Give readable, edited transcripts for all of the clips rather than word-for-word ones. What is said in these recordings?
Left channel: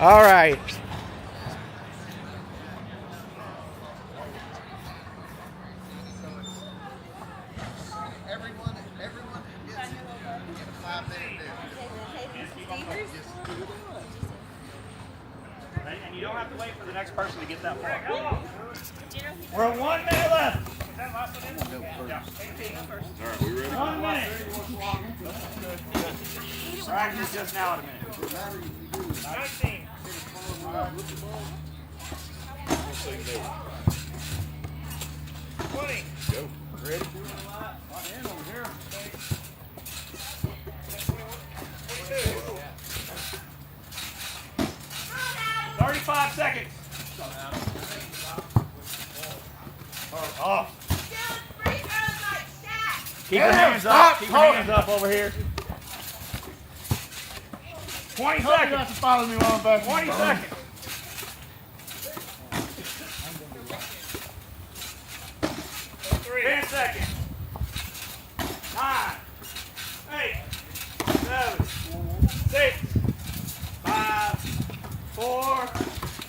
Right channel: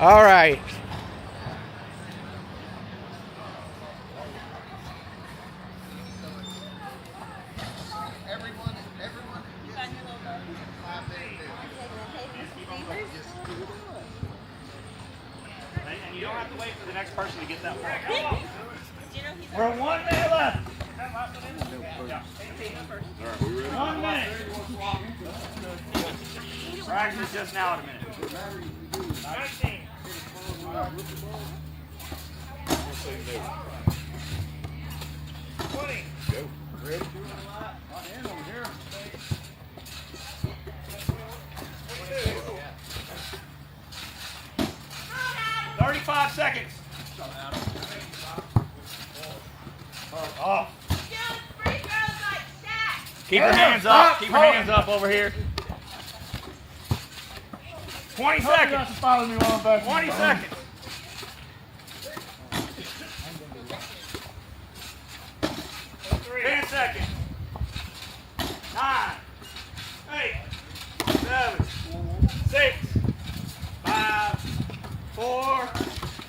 All right. Everyone gets a 5-minute And you don't have to wait for the next person to get that far. We're 1 minute left. 1 minute. We're actually just now at a minute. 19. 20. Ready? 35 seconds. Off. Keep your hands up. Keep your hands up over here. 20 seconds. Not to follow me while I'm back. 20 seconds. 10 seconds. 9, 8, 7, 6, 5, 4,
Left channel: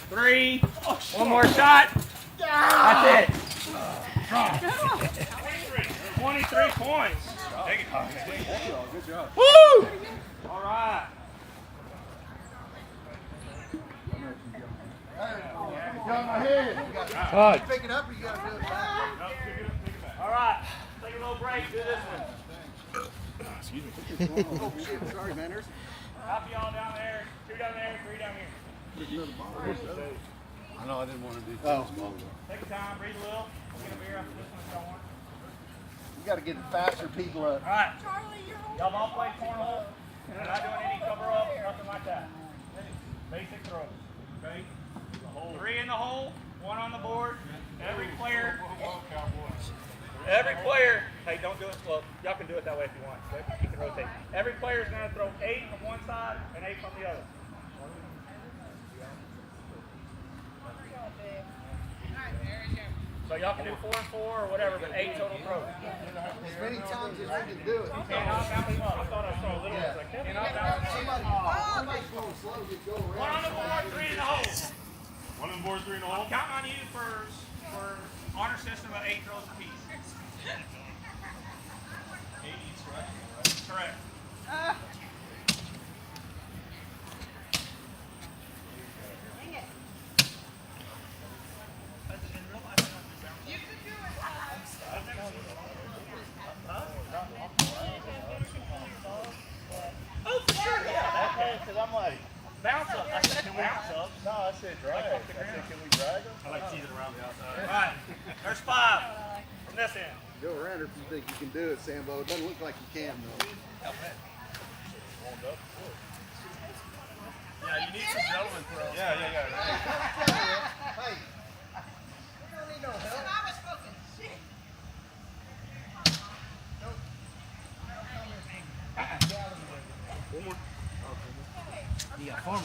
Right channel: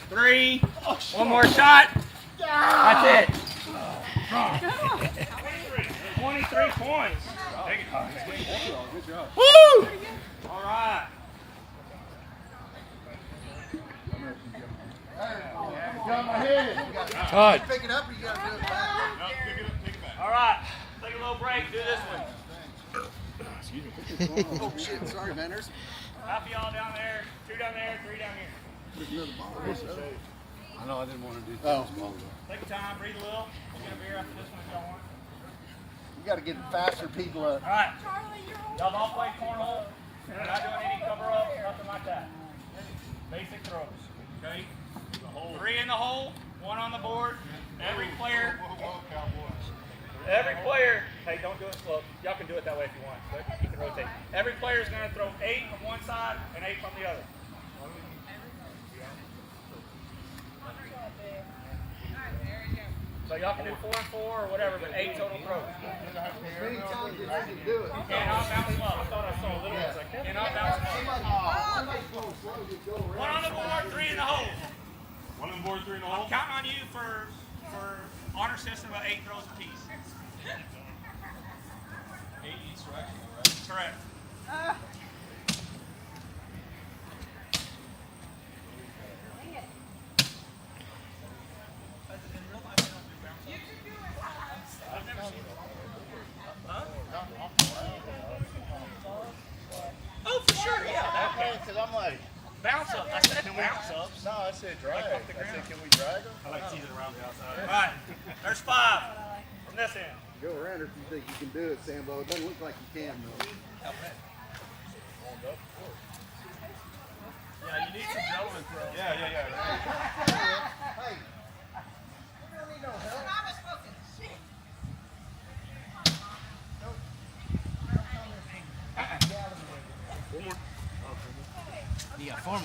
3. One more shot. That's it. 23 points. Good job. Woo! All right. Got my head. Good. Pick it up or you got to do it back? All right. Take a little break. Do this one. Oh, shit. Sorry, Vendors. Half of y'all down there. 2 down there. 3 down here. I know I didn't want to do that. Take your time. Breathe a little. We'll get a beer after this one if y'all want. You got to get faster people up. All right. Y'all all played cornhole. We're not doing any cover up, nothing like that. Basic throws. Okay? 3 in the hole, 1 on the board. Every player. Hey, don't do it slow. Y'all can do it that way if you want, but you can rotate. Every player is going to throw 8 from one side and 8 from the other. So y'all can do 4 and 4 or whatever, but 8 total throws. As many times as you can do it. Can't outbound them up. I thought I saw a little one like that. Can't outbound them up. 1 on the board, 3 in the hole. 1 on board, 3 in the hole. I'm counting on you for honor system of 8 throws apiece. 8 each strike, right? Correct. Oh, for sure, yeah. Because I'm like, Bounce up. I said bounce up. no, I said drag. I said, can we drag them? I like cheating around the outside. All right. There's 5 from this end. Go around if you think you can do it, Sambo. It doesn't look like you can. Yeah, you need some gentlemen throws. Yeah. Hey, you don't need no help. You got 4 more.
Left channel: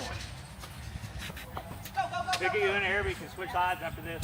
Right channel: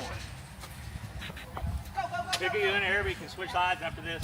Pick it in the air, but you can switch sides after this.